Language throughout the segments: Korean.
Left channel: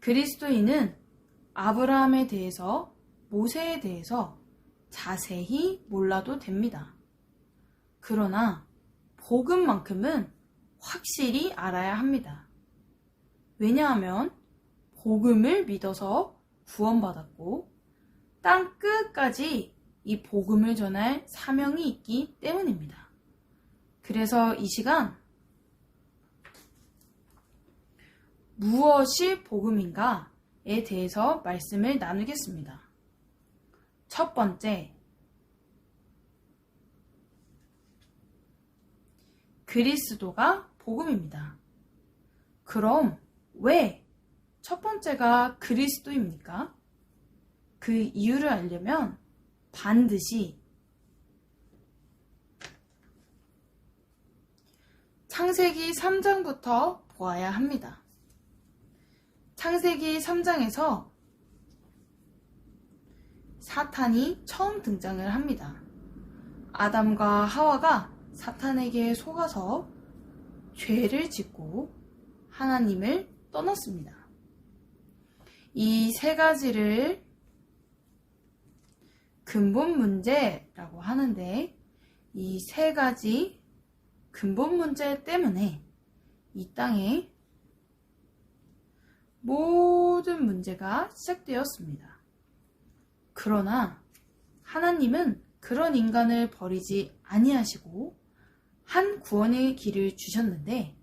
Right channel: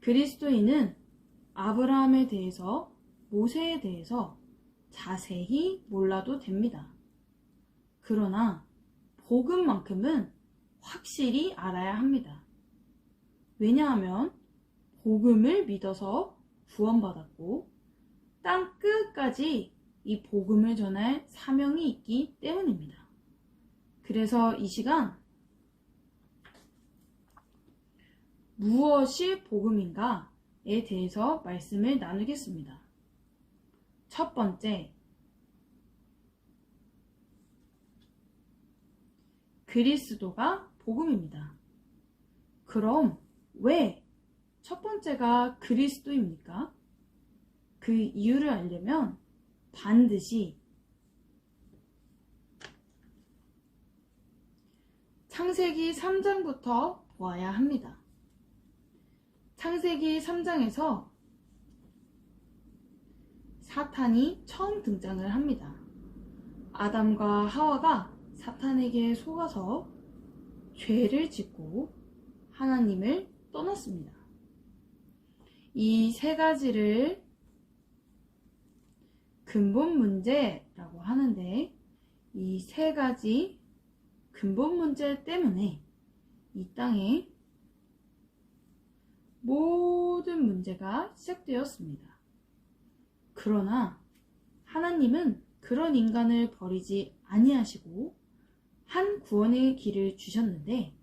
그리스도인은 아브라함에 대해서, 모세에 대해서 자세히 몰라도 됩니다. 그러나 복음만큼은 확실히 알아야 합니다. 왜냐하면 복음을 믿어서 구원받았고 땅 끝까지 이 복음을 전할 사명이 있기 때문입니다. 그래서 이 시간 무엇이 복음인가에 대해서 말씀을 나누겠습니다. 첫 번째, 그리스도가 복음입니다. 그럼 왜 첫 번째가 그리스도입니까? 그 이유를 알려면 반드시 창세기 3장부터 보아야 합니다. 창세기 3장에서 사탄이 처음 등장을 합니다. 아담과 하와가 사탄에게 속아서 죄를 짓고 하나님을 떠났습니다. 이 세 가지를 근본 문제라고 하는데 이 세 가지 근본 문제 때문에 이 땅에 모든 문제가 시작되었습니다. 그러나 하나님은 그런 인간을 버리지 아니하시고 한 구원의 길을 주셨는데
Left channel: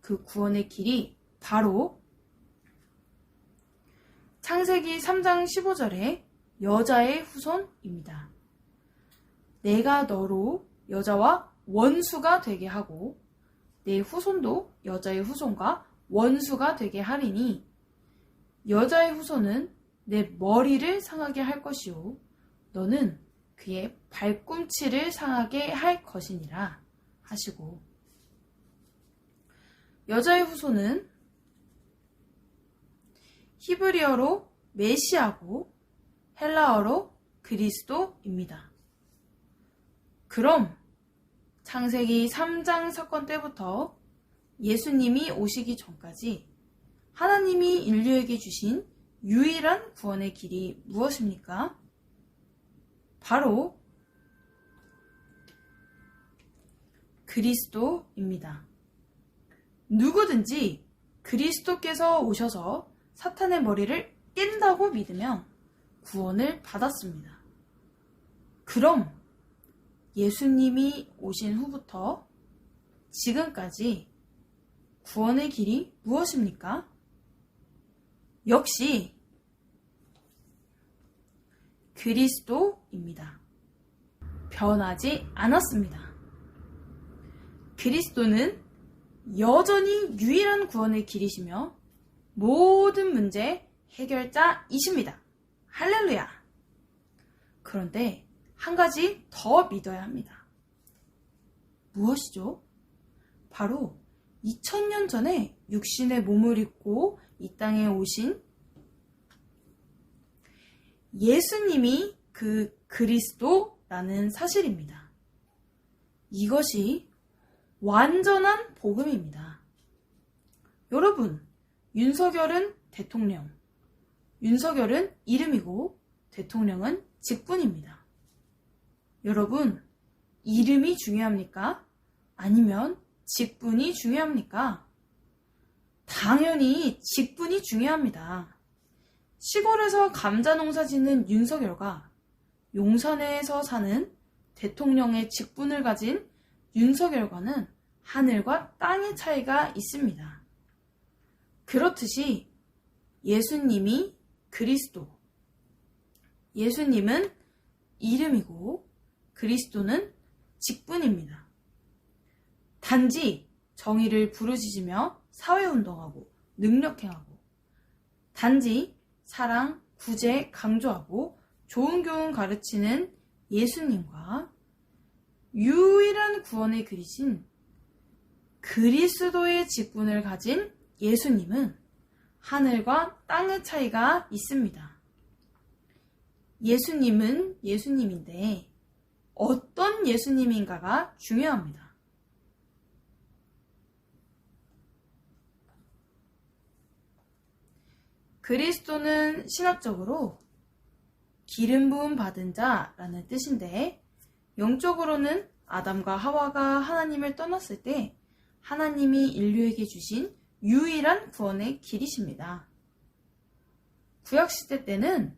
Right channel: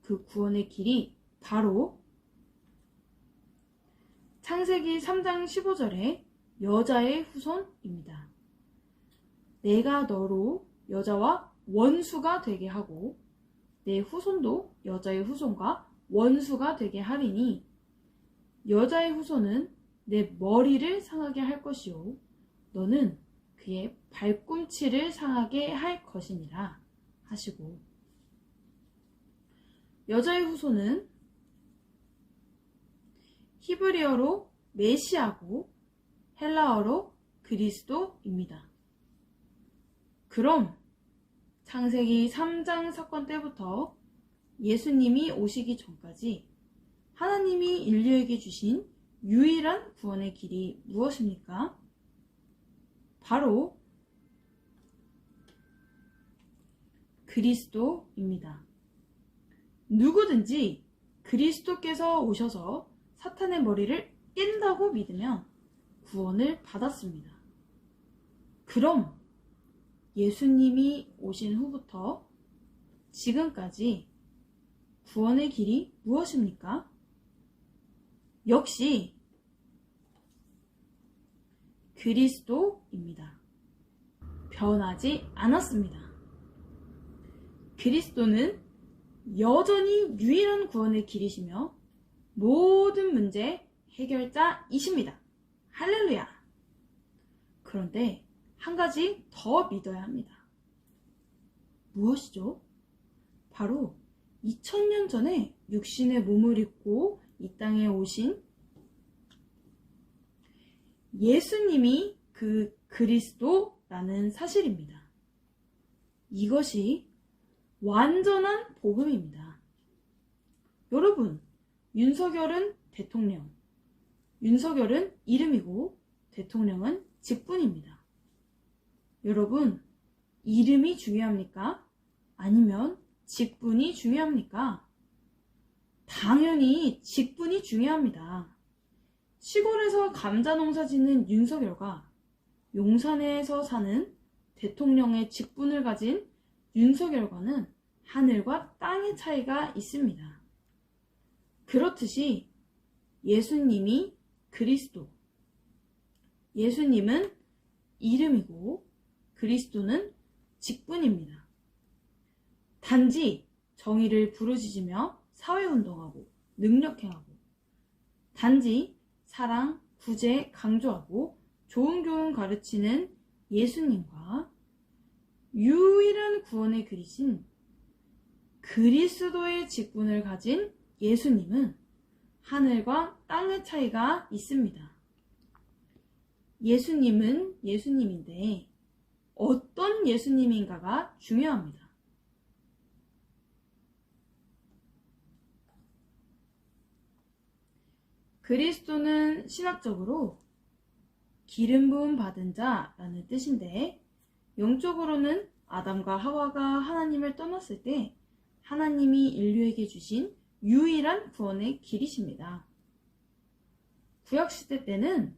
그 구원의 길이 바로 창세기 3장 15절에 여자의 후손입니다. 내가 너로 여자와 원수가 되게 하고 내 후손도 여자의 후손과 원수가 되게 하리니 여자의 후손은 내 머리를 상하게 할 것이요 너는 그의 발꿈치를 상하게 할 것이니라 하시고 여자의 후손은 히브리어로 메시아고 헬라어로 그리스도입니다. 그럼 창세기 3장 사건 때부터 예수님이 오시기 전까지 하나님이 인류에게 주신 유일한 구원의 길이 무엇입니까? 바로 그리스도입니다. 누구든지 그리스도께서 오셔서 사탄의 머리를 깬다고 믿으면 구원을 받았습니다. 그럼 예수님이 오신 후부터 지금까지 구원의 길이 무엇입니까? 역시 그리스도입니다. 변하지 않았습니다. 그리스도는 여전히 유일한 구원의 길이시며 모든 문제 해결자이십니다. 할렐루야! 그런데 한 가지 더 믿어야 합니다. 무엇이죠? 바로 2000년 전에 육신의 몸을 입고 이 땅에 오신 예수님이 그 그리스도라는 사실입니다. 이것이 완전한 복음입니다. 여러분, 윤석열은 대통령, 윤석열은 이름이고 대통령은 직분입니다. 여러분, 이름이 중요합니까? 아니면 직분이 중요합니까? 당연히 직분이 중요합니다. 시골에서 감자 농사 짓는 윤석열과 용산에서 사는 대통령의 직분을 가진 윤석열과는 하늘과 땅의 차이가 있습니다. 그렇듯이 예수님이 그리스도, 예수님은 이름이고 그리스도는 직분입니다. 단지 정의를 부르짖으며 사회운동하고 능력행하고 단지 사랑, 구제 강조하고 좋은 교훈 가르치는 예수님과 유일한 구원의 길이신 그리스도의 직분을 가진 예수님은 하늘과 땅의 차이가 있습니다. 예수님은 예수님인데 어떤 예수님인가가 중요합니다. 그리스도는 신학적으로 기름 부음 받은 자라는 뜻인데, 영적으로는 아담과 하와가 하나님을 떠났을 때 하나님이 인류에게 주신 유일한 구원의 길이십니다. 구약시대 때는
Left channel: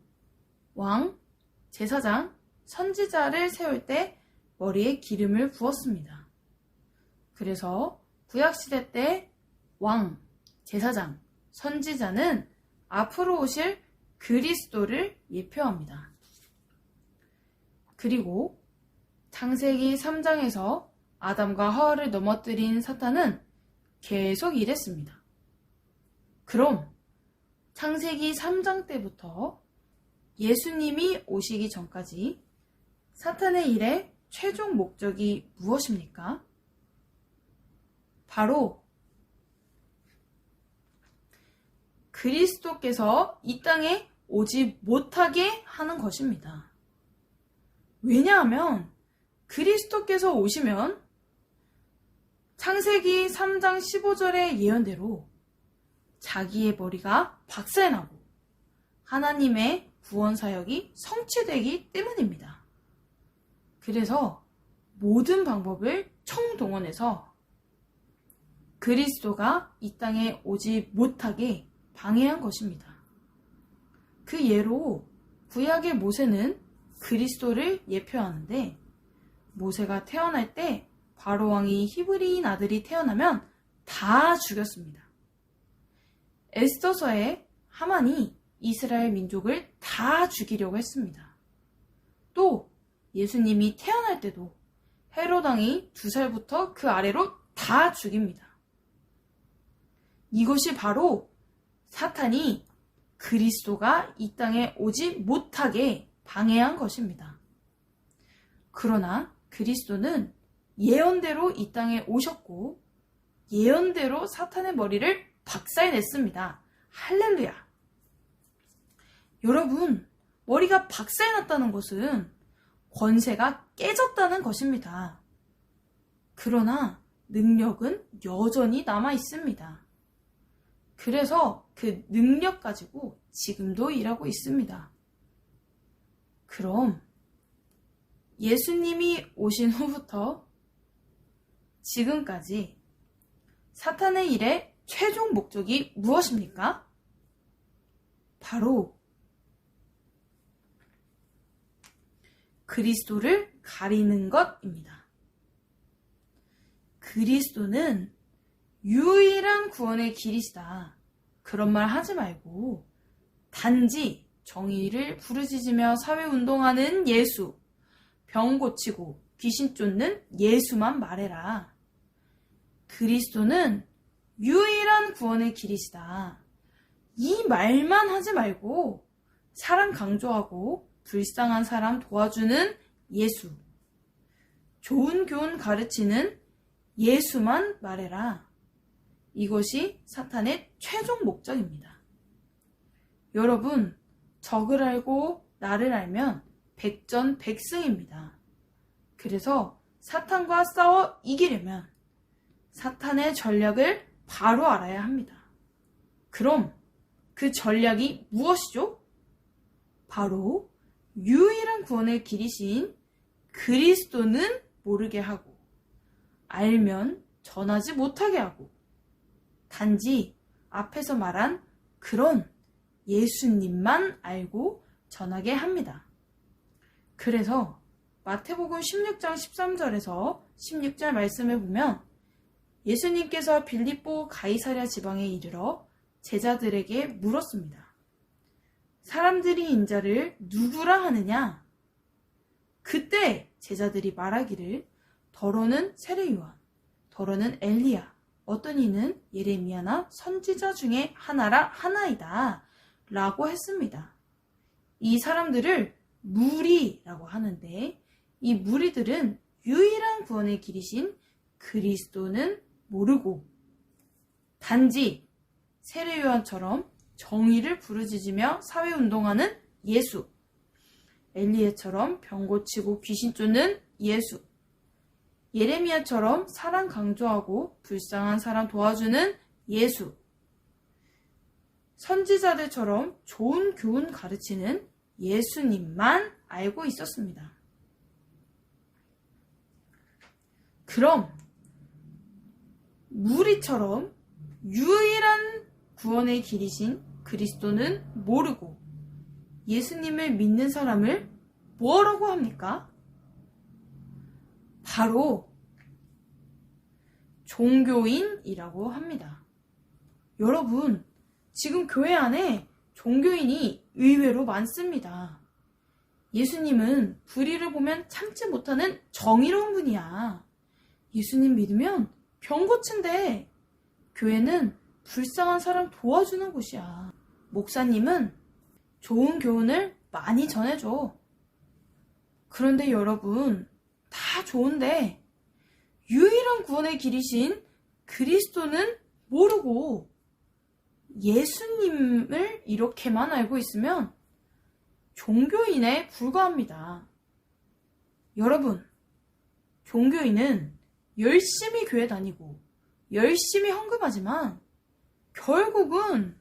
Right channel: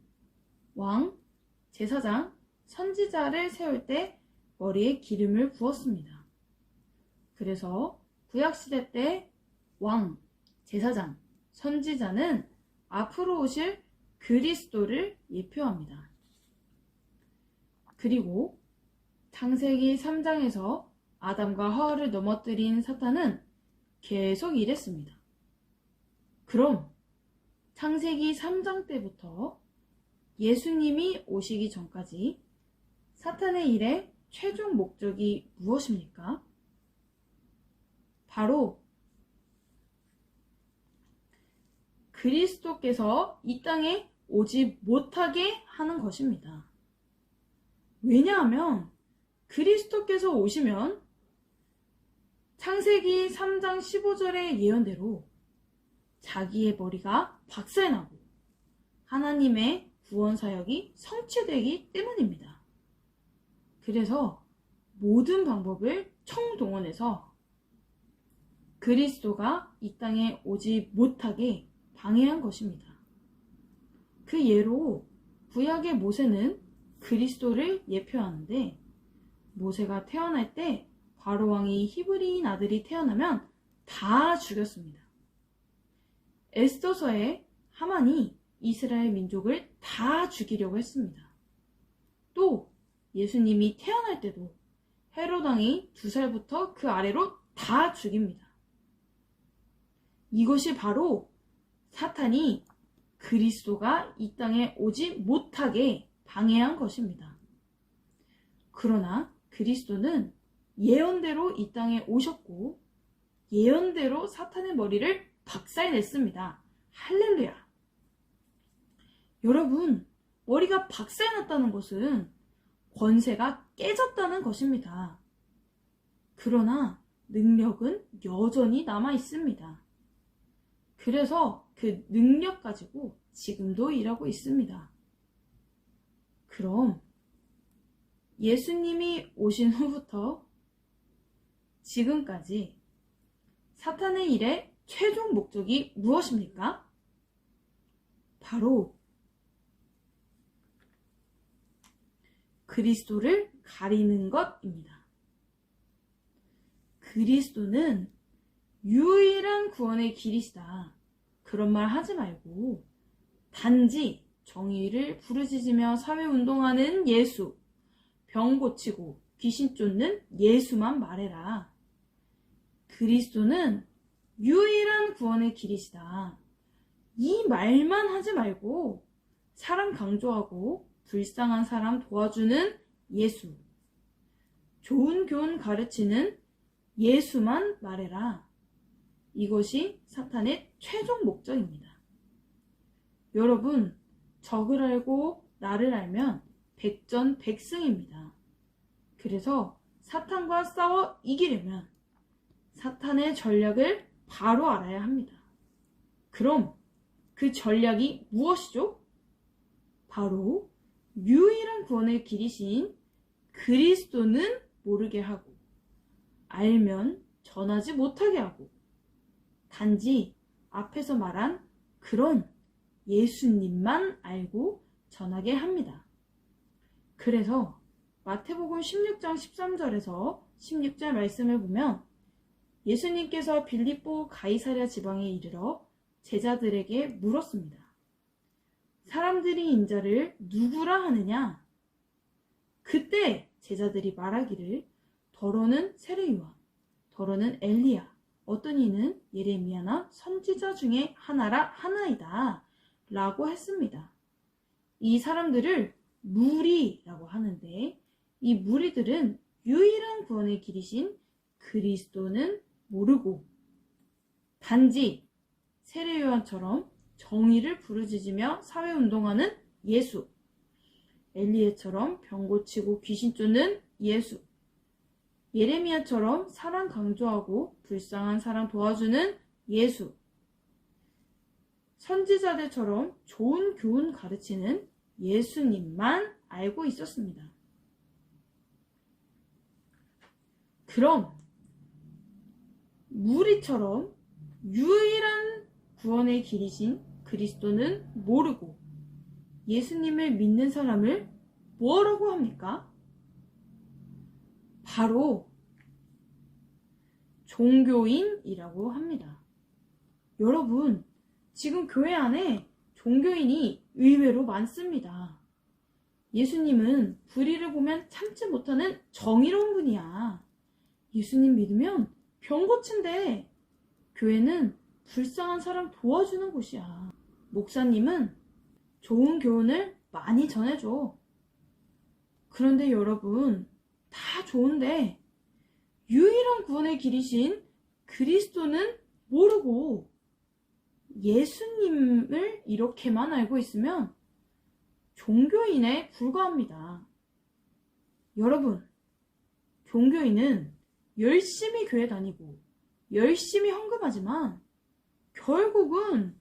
왕, 제사장, 선지자를 세울 때 머리에 기름을 부었습니다. 그래서 구약시대 때 왕, 제사장, 선지자는 앞으로 오실 그리스도를 예표합니다. 그리고 창세기 3장에서 아담과 하와를 넘어뜨린 사탄은 계속 이랬습니다. 그럼 창세기 3장 때부터 예수님이 오시기 전까지 사탄의 일의 최종 목적이 무엇입니까? 바로 그리스도께서 이 땅에 오지 못하게 하는 것입니다. 왜냐하면 그리스도께서 오시면 창세기 3장 15절의 예언대로 자기의 머리가 박살나고 하나님의 구원 사역이 성취되기 때문입니다. 그래서 모든 방법을 총동원해서 그리스도가 이 땅에 오지 못하게 방해한 것입니다. 그 예로 구약의 모세는 그리스도를 예표하는데, 모세가 태어날 때 바로 왕이 히브리인 아들이 태어나면 다 죽였습니다. 에스더서에 하만이 이스라엘 민족을 다 죽이려고 했습니다. 또 예수님이 태어날 때도 헤롯 왕이 2살부터 그 아래로 다 죽입니다. 이것이 바로 사탄이 그리스도가 이 땅에 오지 못하게 방해한 것입니다. 그러나 그리스도는 예언대로 이 땅에 오셨고 예언대로 사탄의 머리를 박살냈습니다. 할렐루야! 여러분, 머리가 박살났다는 것은 권세가 깨졌다는 것입니다. 그러나 능력은 여전히 남아 있습니다. 그래서 그 능력 가지고 지금도 일하고 있습니다. 그럼 예수님이 오신 후부터 지금까지 사탄의 일의 최종 목적이 무엇입니까? 바로 그리스도를 가리는 것입니다. 그리스도는 유일한 구원의 길이시다. 그런 말 하지 말고 단지 정의를 부르짖으며 사회운동하는 예수, 병 고치고 귀신 쫓는 예수만 말해라. 그리스도는 유일한 구원의 길이시다. 이 말만 하지 말고 사람 강조하고 불쌍한 사람 도와주는 예수, 좋은 교훈 가르치는 예수만 말해라. 이것이 사탄의 최종 목적입니다. 여러분, 적을 알고 나를 알면 백전백승입니다. 그래서 사탄과 싸워 이기려면 사탄의 전략을 바로 알아야 합니다. 그럼 그 전략이 무엇이죠? 바로 유일한 구원의 길이신 그리스도는 모르게 하고, 알면 전하지 못하게 하고, 단지 앞에서 말한 그런 예수님만 알고 전하게 합니다. 그래서 마태복음 16장 13절에서 16절 말씀을 보면 예수님께서 빌립보 가이사랴 지방에 이르러 제자들에게 물었습니다. 사람들이 인자를 누구라 하느냐? 그때 제자들이 말하기를 더러는 세례요한, 더러는 엘리야, 어떤 이는 예레미야나 선지자 중에 하나라 하나이다 라고 했습니다. 이 사람들을 무리라고 하는데, 이 무리들은 유일한 구원의 길이신 그리스도는 모르고 단지 세례요한처럼 정의를 부르짖으며 사회운동하는 예수, 엘리야처럼 병 고치고 귀신 쫓는 예수, 예레미야처럼 사랑 강조하고 불쌍한 사람 도와주는 예수, 선지자들처럼 좋은 교훈 가르치는 예수님만 알고 있었습니다. 그럼 무리처럼 유일한 구원의 길이신 그리스도는 모르고 예수님을 믿는 사람을 뭐라고 합니까? 바로 종교인이라고 합니다. 여러분, 지금 교회 안에 종교인이 의외로 많습니다. 예수님은 불의를 보면 참지 못하는 정의로운 분이야. 예수님 믿으면 병 고친대. 교회는 불쌍한 사람 도와주는 곳이야. 목사님은 좋은 교훈을 많이 전해줘. 그런데 여러분, 다 좋은데 유일한 구원의 길이신 그리스도는 모르고 예수님을 이렇게만 알고 있으면 종교인에 불과합니다. 여러분, 종교인은 열심히 교회 다니고 열심히 헌금하지만 결국은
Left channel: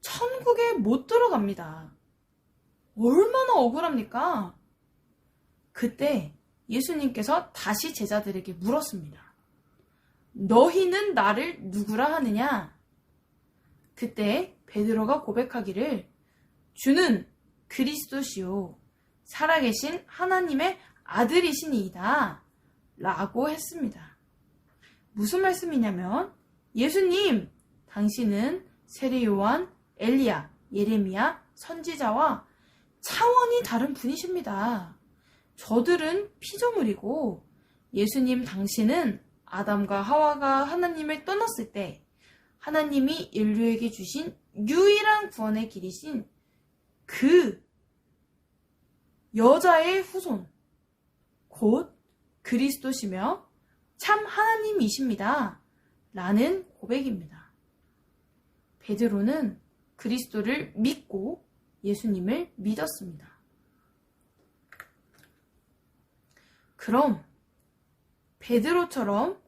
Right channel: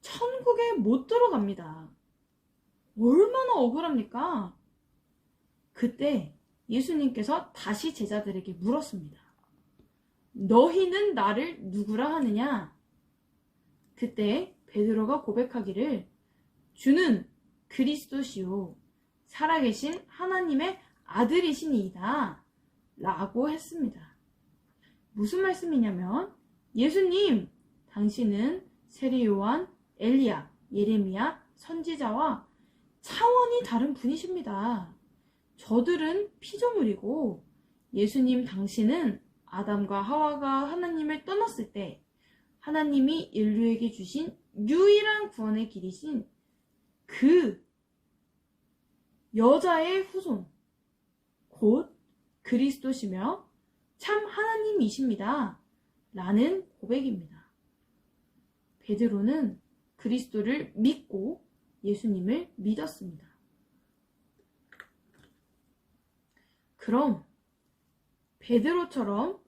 천국에 못 들어갑니다. 얼마나 억울합니까? 그때 예수님께서 다시 제자들에게 물었습니다. 너희는 나를 누구라 하느냐? 그때 베드로가 고백하기를 주는 그리스도시요 살아계신 하나님의 아들이시니이다 라고 했습니다. 무슨 말씀이냐면 예수님, 당신은 세례 요한, 엘리야, 예레미야, 선지자와 차원이 다른 분이십니다. 저들은 피조물이고 예수님 당신은 아담과 하와가 하나님을 떠났을 때 하나님이 인류에게 주신 유일한 구원의 길이신 그 여자의 후손, 곧 그리스도시며 참 하나님이십니다. 라는 고백입니다. 베드로는 그리스도를 믿고 예수님을 믿었습니다. 그럼 베드로처럼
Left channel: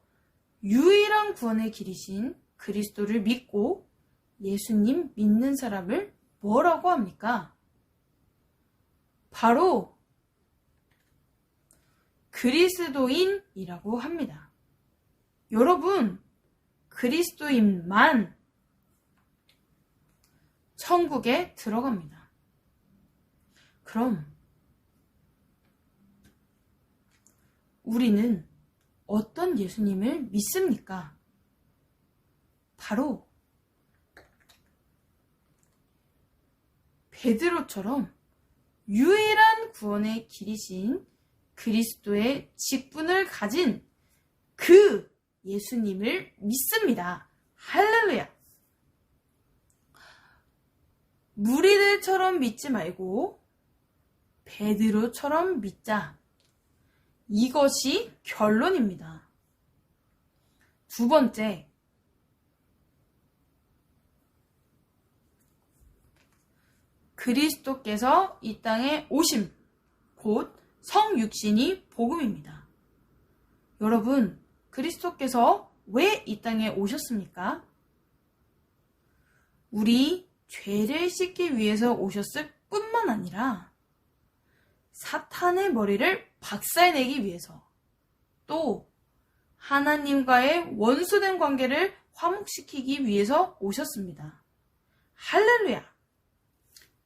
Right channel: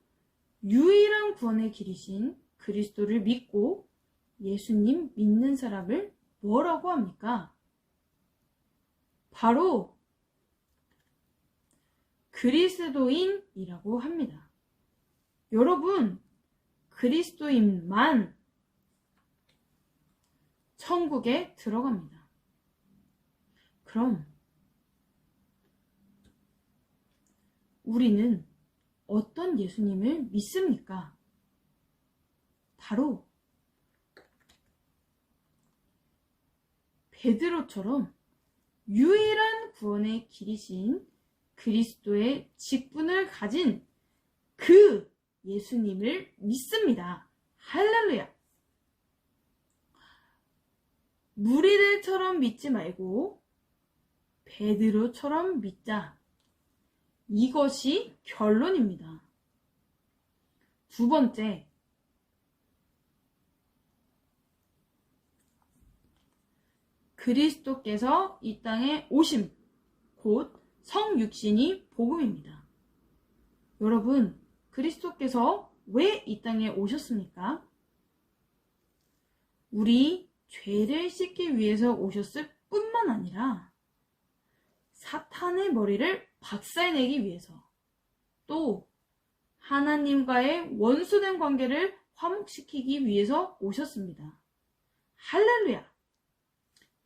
유일한 구원의 길이신 그리스도를 믿고 예수님 믿는 사람을 뭐라고 합니까? 바로 그리스도인이라고 합니다. 여러분, 그리스도인만 천국에 들어갑니다. 그럼 우리는 어떤 예수님을 믿습니까? 바로 베드로처럼 유일한 구원의 길이신 그리스도의 직분을 가진 그 예수님을 믿습니다. 할렐루야! 무리들처럼 믿지 말고 베드로처럼 믿자. 이것이 결론입니다. 두 번째, 그리스도께서 이 땅에 오심, 곧 성육신이 복음입니다. 여러분, 그리스도께서 왜 이 땅에 오셨습니까? 우리 죄를 씻기 위해서 오셨을 뿐만 아니라 사탄의 머리를 박살내기 위해서, 또 하나님과의 원수된 관계를 화목시키기 위해서 오셨습니다. 할렐루야!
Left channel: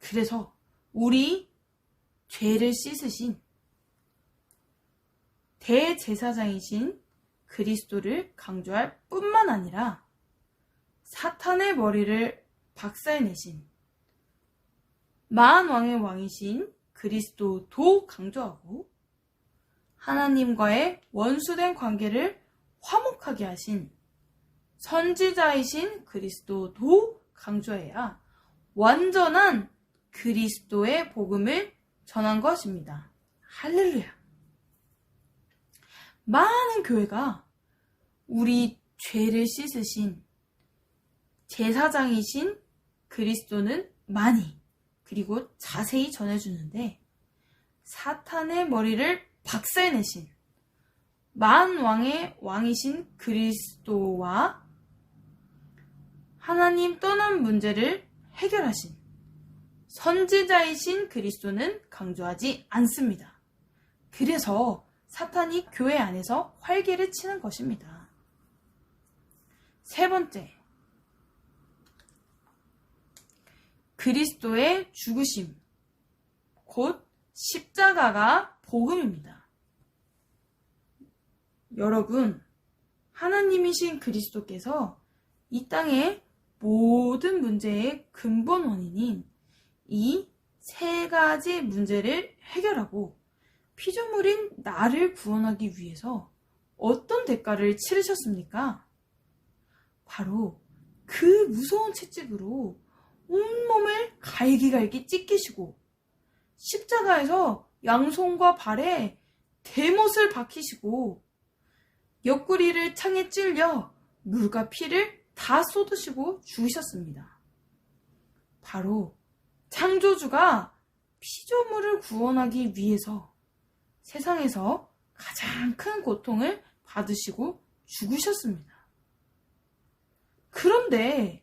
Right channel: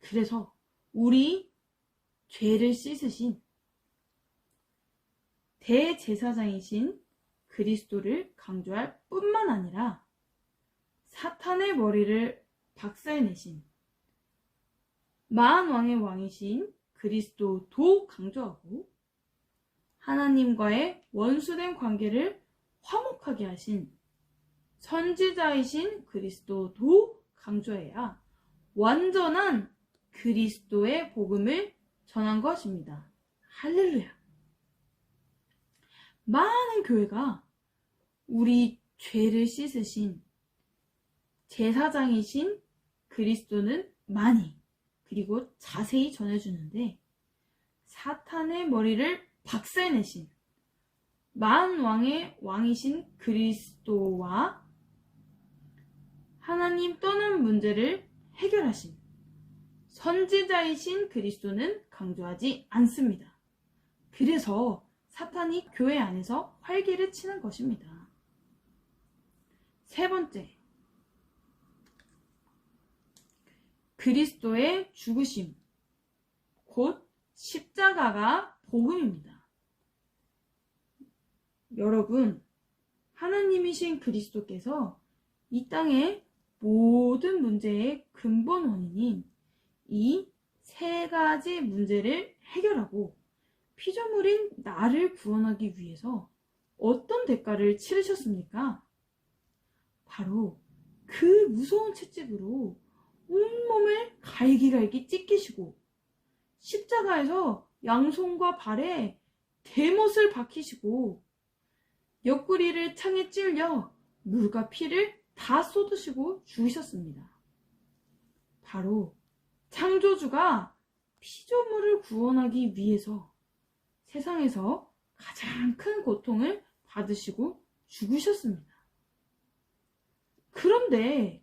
그래서 우리 죄를 씻으신 대제사장이신 그리스도를 강조할 뿐만 아니라 사탄의 머리를 박살내신 만왕의 왕이신 그리스도도 강조하고 하나님과의 원수된 관계를 화목하게 하신 선지자이신 그리스도도 강조해야 완전한 그리스도의 복음을 전한 것입니다. 할렐루야! 많은 교회가 우리 죄를 씻으신 제사장이신 그리스도는 많이 그리고 자세히 전해주는데 사탄의 머리를 박살내신 만왕의 왕이신 그리스도와 하나님 떠난 문제를 해결하신 선지자이신 그리스도는 강조하지 않습니다. 그래서 사탄이 교회 안에서 활개를 치는 것입니다. 세 번째, 그리스도의 죽으심, 곧 십자가가 복음입니다. 여러분, 하나님이신 그리스도께서 이 땅의 모든 문제의 근본 원인인 이 세 가지 문제를 해결하고 피조물인 나를 구원하기 위해서 어떤 대가를 치르셨습니까? 바로 그 무서운 채찍으로 온몸을 갈기갈기 찢기시고 십자가에서 양손과 발에 대못을 박히시고 옆구리를 창에 찔려 물과 피를 다 쏟으시고 죽으셨습니다. 바로 창조주가 피조물을 구원하기 위해서 세상에서 가장 큰 고통을 받으시고 죽으셨습니다. 그런데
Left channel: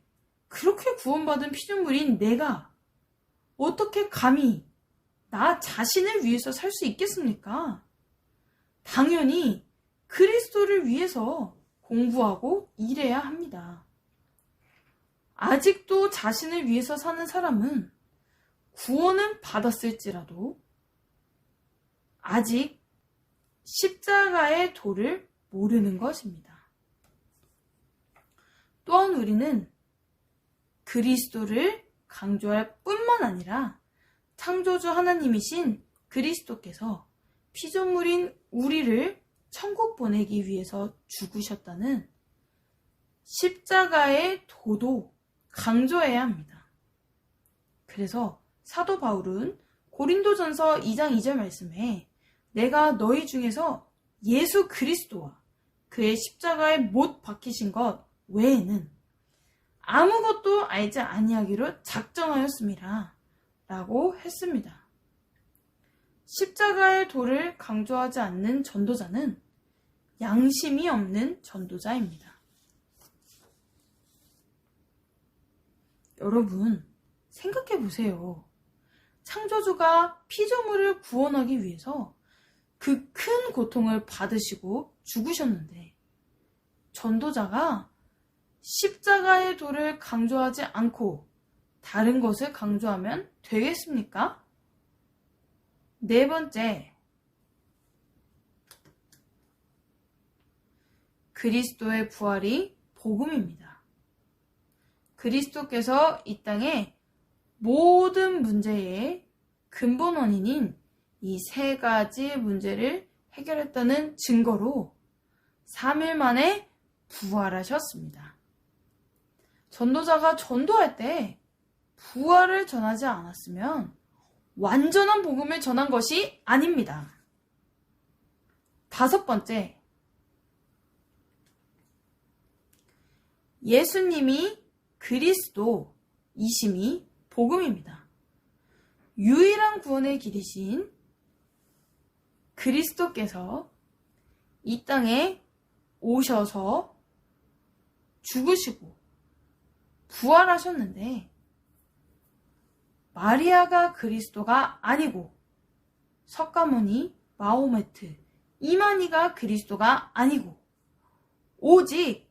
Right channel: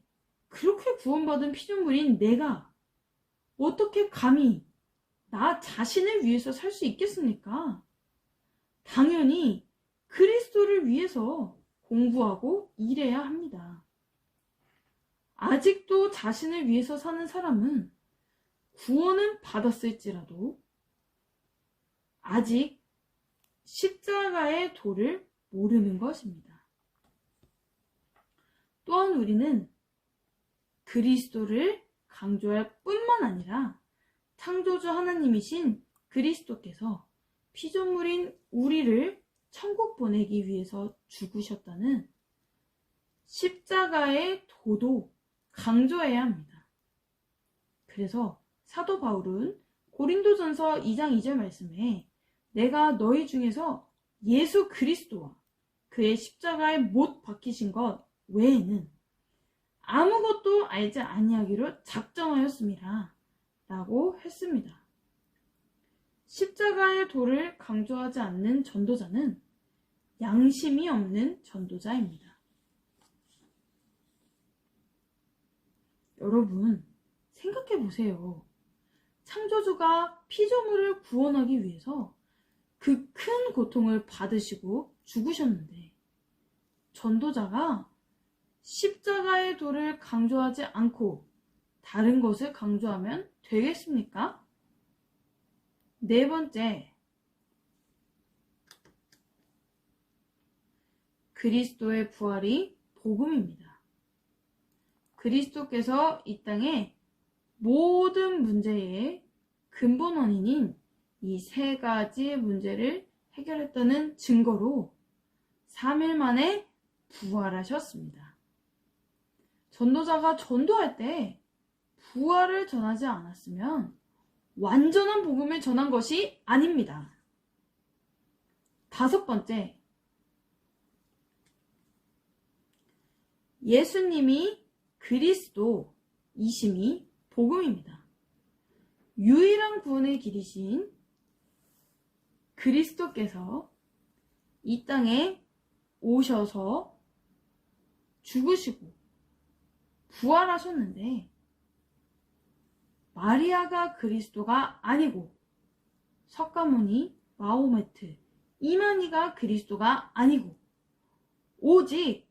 그렇게 구원받은 피조물인 내가 어떻게 감히 나 자신을 위해서 살 수 있겠습니까? 당연히 그리스도를 위해서 공부하고 일해야 합니다. 아직도 자신을 위해서 사는 사람은 구원은 받았을지라도 아직 십자가의 도를 모르는 것입니다. 또한 우리는 그리스도를 강조할 뿐만 아니라 창조주 하나님이신 그리스도께서 피조물인 우리를 천국 보내기 위해서 죽으셨다는 십자가의 도도 강조해야 합니다. 그래서 사도 바울은 고린도전서 2장 2절 말씀에 내가 너희 중에서 예수 그리스도와 그의 십자가에 못 박히신 것 외에는 아무것도 알지 아니하기로 작정하였습니다. 라고 했습니다. 십자가의 도를 강조하지 않는 전도자는 양심이 없는 전도자입니다. 여러분, 생각해 보세요. 창조주가 피조물을 구원하기 위해서 그 큰 고통을 받으시고 죽으셨는데 전도자가 십자가의 도를 강조하지 않고 다른 것을 강조하면 되겠습니까? 네 번째, 그리스도의 부활이 복음입니다. 그리스도께서 이 땅에 모든 문제의 근본 원인인 이 세 가지 문제를 해결했다는 증거로 3일 만에 부활하셨습니다. 전도자가 전도할 때 부활을 전하지 않았으면 완전한 복음을 전한 것이 아닙니다. 다섯 번째, 예수님이 그리스도이심이 복음입니다. 유일한 구원의 길이신 그리스도께서 이 땅에 오셔서 죽으시고 부활하셨는데 마리아가 그리스도가 아니고 석가모니, 마호메트, 이만희가 그리스도가 아니고 오직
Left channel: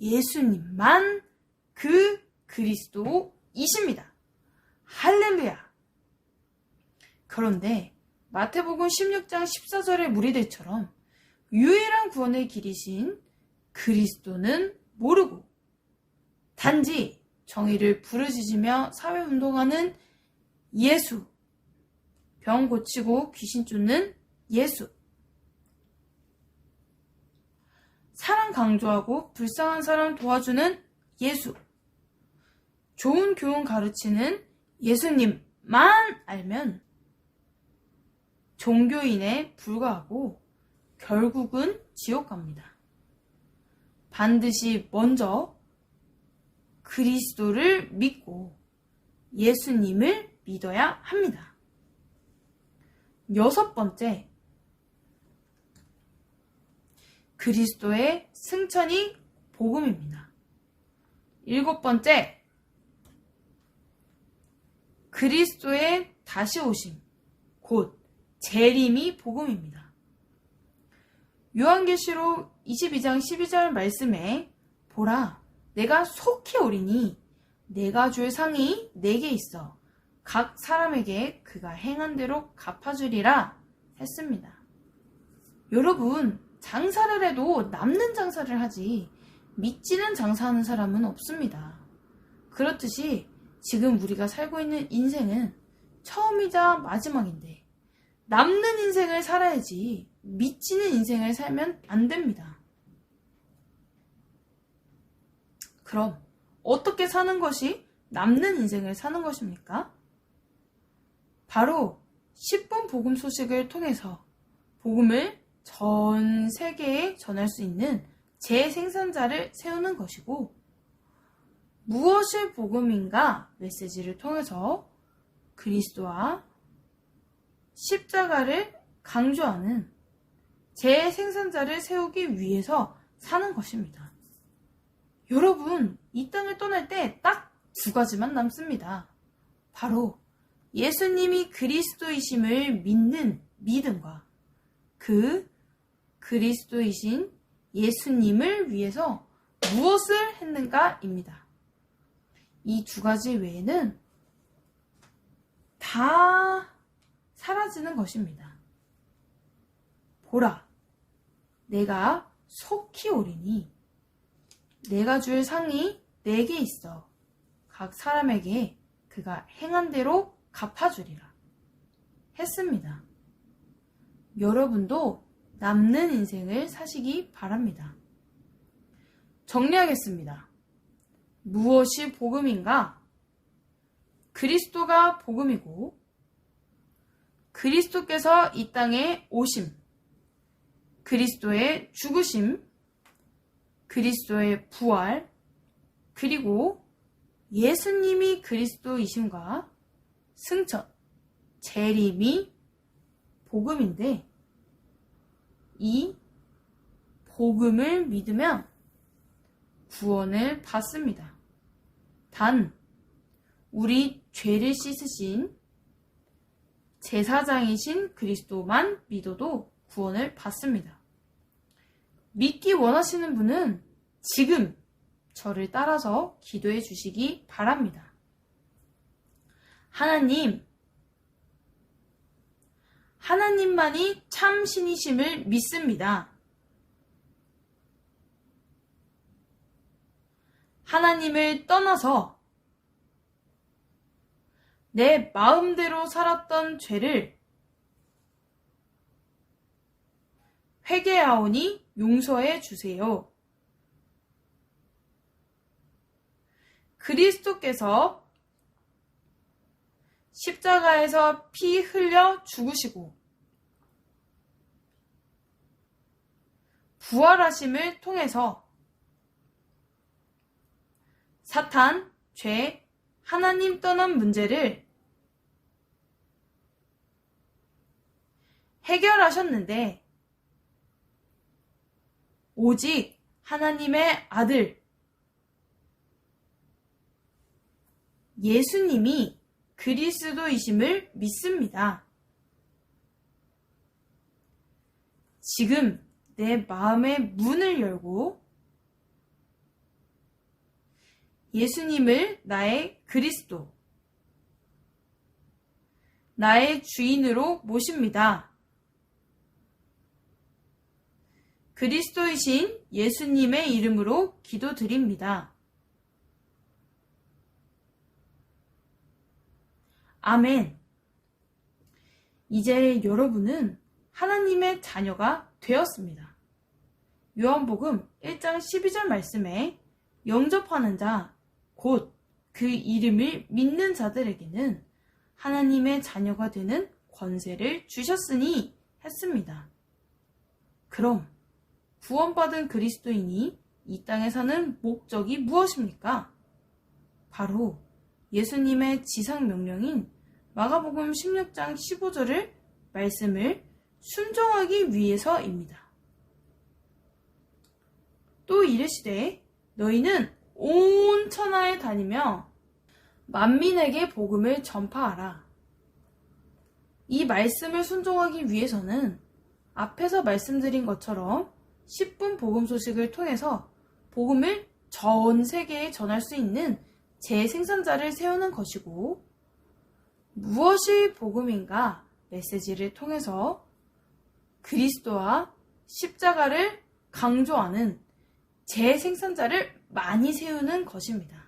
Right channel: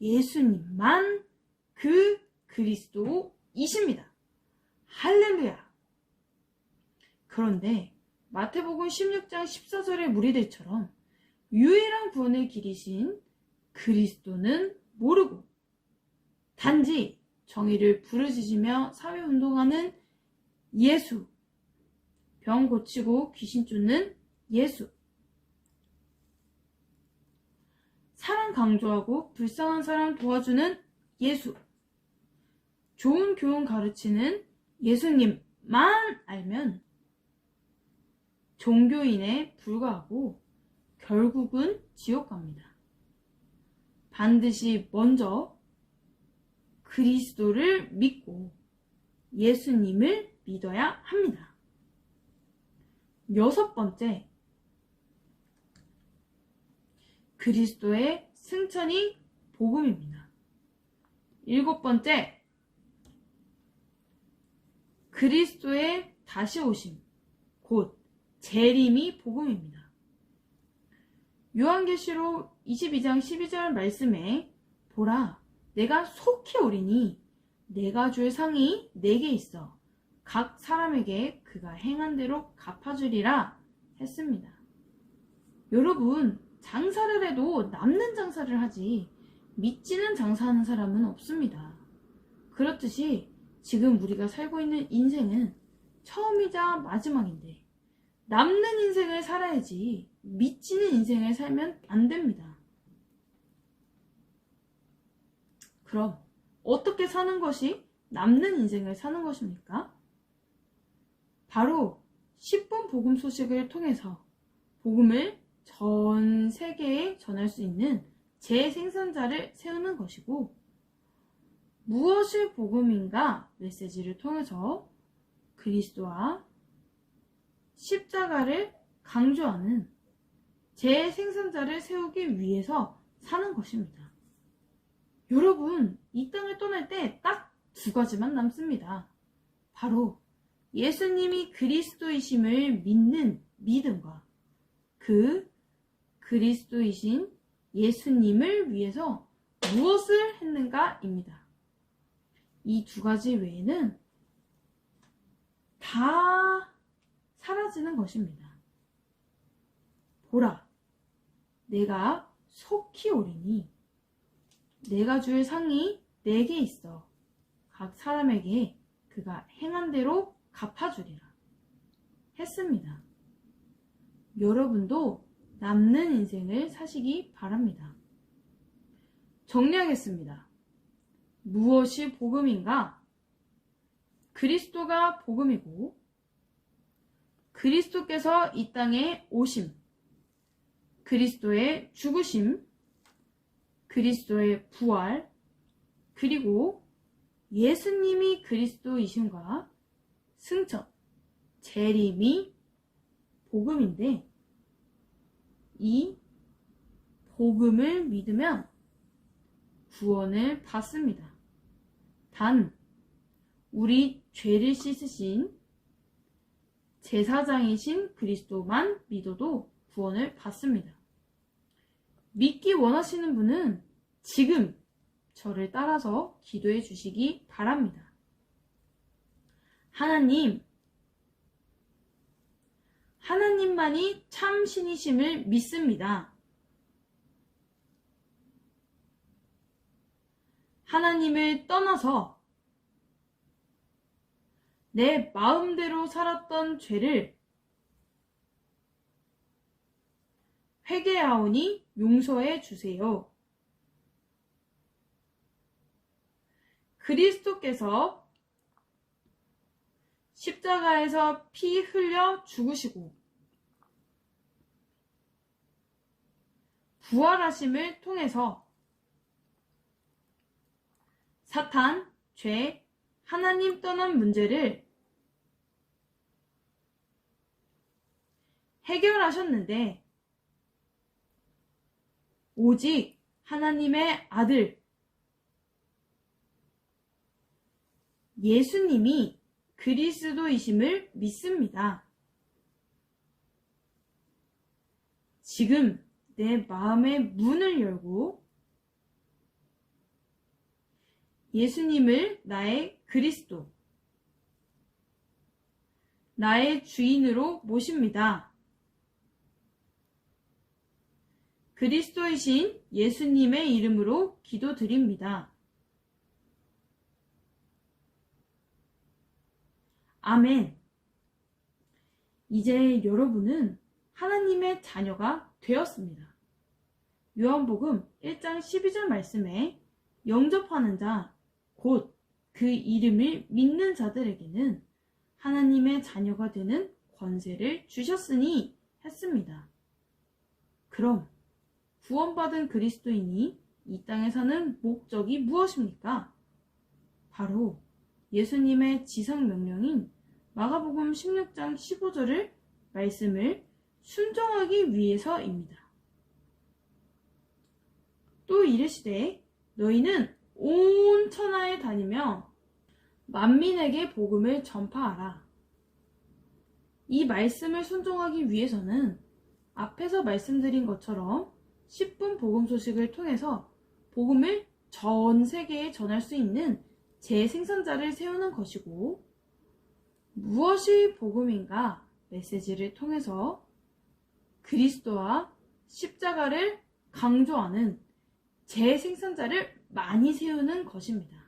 예수님만 그 그리스도이십니다. 할렐루야! 그런데 마태복음 16장 14절의 무리들처럼 유일한 구원의 길이신 그리스도는 모르고 단지 정의를 부르짖으며 사회운동하는 예수, 병 고치고 귀신 쫓는 예수, 사랑 강조하고 불쌍한 사람 도와주는 예수, 좋은 교훈 가르치는 예수님만 알면 종교인에 불과하고 결국은 지옥 갑니다. 반드시 먼저 그리스도를 믿고 예수님을 믿어야 합니다. 여섯 번째, 그리스도의 승천이 복음입니다. 7번째, 그리스도의 다시 오심, 곧 재림이 복음입니다. 요한계시록 22장 12절 말씀에 보라, 내가 속히 오리니 내가 줄 상이 내게 있어 각 사람에게 그가 행한 대로 갚아주리라 했습니다. 여러분, 장사를 해도 남는 장사를 하지 미치는 장사하는 사람은 없습니다. 그렇듯이 지금 우리가 살고 있는 인생은 처음이자 마지막인데 남는 인생을 살아야지 미치는 인생을 살면 안 됩니다. 그럼 어떻게 사는 것이 남는 인생을 사는 것입니까? 바로 10분 복음 소식을 통해서 복음을 전 세계에 전할 수 있는 재생산자를 세우는 것이고, 무엇이 복음인가 메시지를 통해서 그리스도와 십자가를 강조하는 재생산자를 세우기 위해서 사는 것입니다. 여러분, 이 땅을 떠날 때 딱 2가지만 남습니다. 바로 예수님이 그리스도이심을 믿는 믿음과 그 그리스도이신 예수님을 위해서 무엇을 했는가입니다. 이 2가지 외에는 다 사라지는 것입니다. 보라, 내가 속히 오리니 내가 줄 상이 내게 있어 각 사람에게 그가 행한 대로 갚아주리라 했습니다. 여러분도 남는 인생을 사시기 바랍니다. 정리하겠습니다. 무엇이 복음인가? 그리스도가 복음이고, 그리스도께서 이 땅에 오심, 그리스도의 죽으심, 그리스도의 부활, 그리고 예수님이 그리스도이심과 승천, 재림이 복음인데, 이 복음을 믿으면 구원을 받습니다. 단, 우리 죄를 씻으신 제사장이신 그리스도만 믿어도 구원을 받습니다. 믿기 원하시는 분은 지금 저를 따라서 기도해 주시기 바랍니다. 하나님만이 참 신이심을 믿습니다. 하나님을 떠나서 내 마음대로 살았던 죄를 회개하오니 용서해 주세요. 그리스도께서 십자가에서 피 흘려 죽으시고 부활하심을 통해서 사탄, 죄, 하나님 떠난 문제를 해결하셨는데, 오직 하나님의 아들 예수님이 그리스도이심을 믿습니다. 지금 내 마음의 문을 열고 예수님을 나의 그리스도, 나의 주인으로 모십니다. 그리스도이신 예수님의 이름으로 기도드립니다. 아멘. 이제 여러분은 하나님의 자녀가 되었습니다. 요한복음 1장 12절 말씀에 영접하는 자, 곧 그 이름을 믿는 자들에게는 하나님의 자녀가 되는 권세를 주셨으니 했습니다. 그럼 구원받은 그리스도인이 이 땅에 사는 목적이 무엇입니까? 바로 예수님의 지상 명령인 마가복음 16장 15절을 말씀을 순종하기 위해서입니다. 또 이르시되 너희는 온 천하에 다니며 만민에게 복음을 전파하라. 이 말씀을 순종하기 위해서는 앞에서 말씀드린 것처럼 10분 복음 소식을 통해서 복음을 전 세계에 전할 수 있는 재생산자를 세우는 것이고, 무엇이 복음인가 메시지를 통해서 그리스도와 십자가를 강조하는 재생산자를 많이 세우는 것입니다.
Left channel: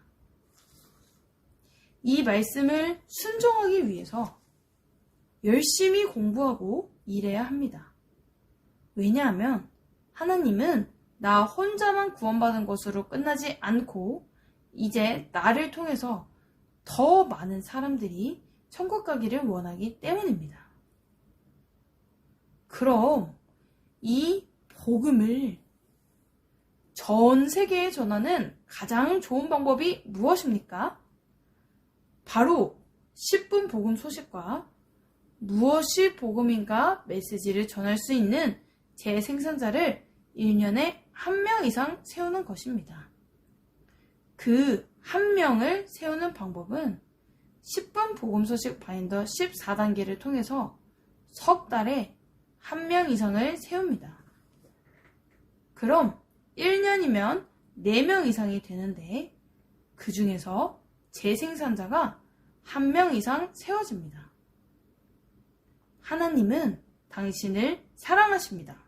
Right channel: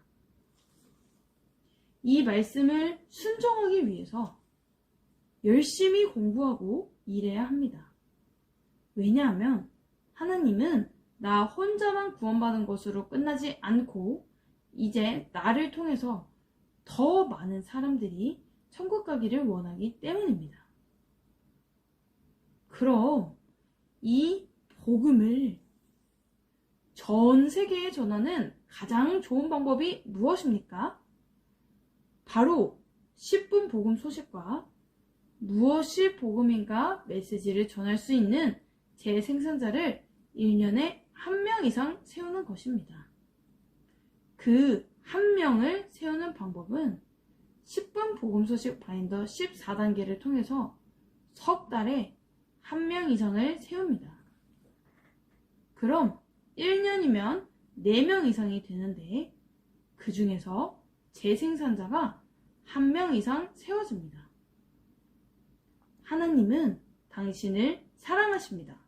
이 말씀을 순종하기 위해서 열심히 공부하고 일해야 합니다. 왜냐하면 하나님은 나 혼자만 구원받은 것으로 끝나지 않고 이제 나를 통해서 더 많은 사람들이 천국 가기를 원하기 때문입니다. 그럼 이 복음을 전 세계에 전하는 가장 좋은 방법이 무엇입니까? 바로 10분 복음 소식과 무엇이 복음인가 메시지를 전할 수 있는 재생산자를 1년에 1명 이상 세우는 것입니다. 그 1명을 세우는 방법은 10분 복음 소식 바인더 14단계를 통해서 석 달에 1명 이상을 세웁니다. 그럼 1년이면 4명 이상이 되는데 그 중에서 재생산자가 1명 이상 세워집니다. 하나님은 당신을 사랑하십니다.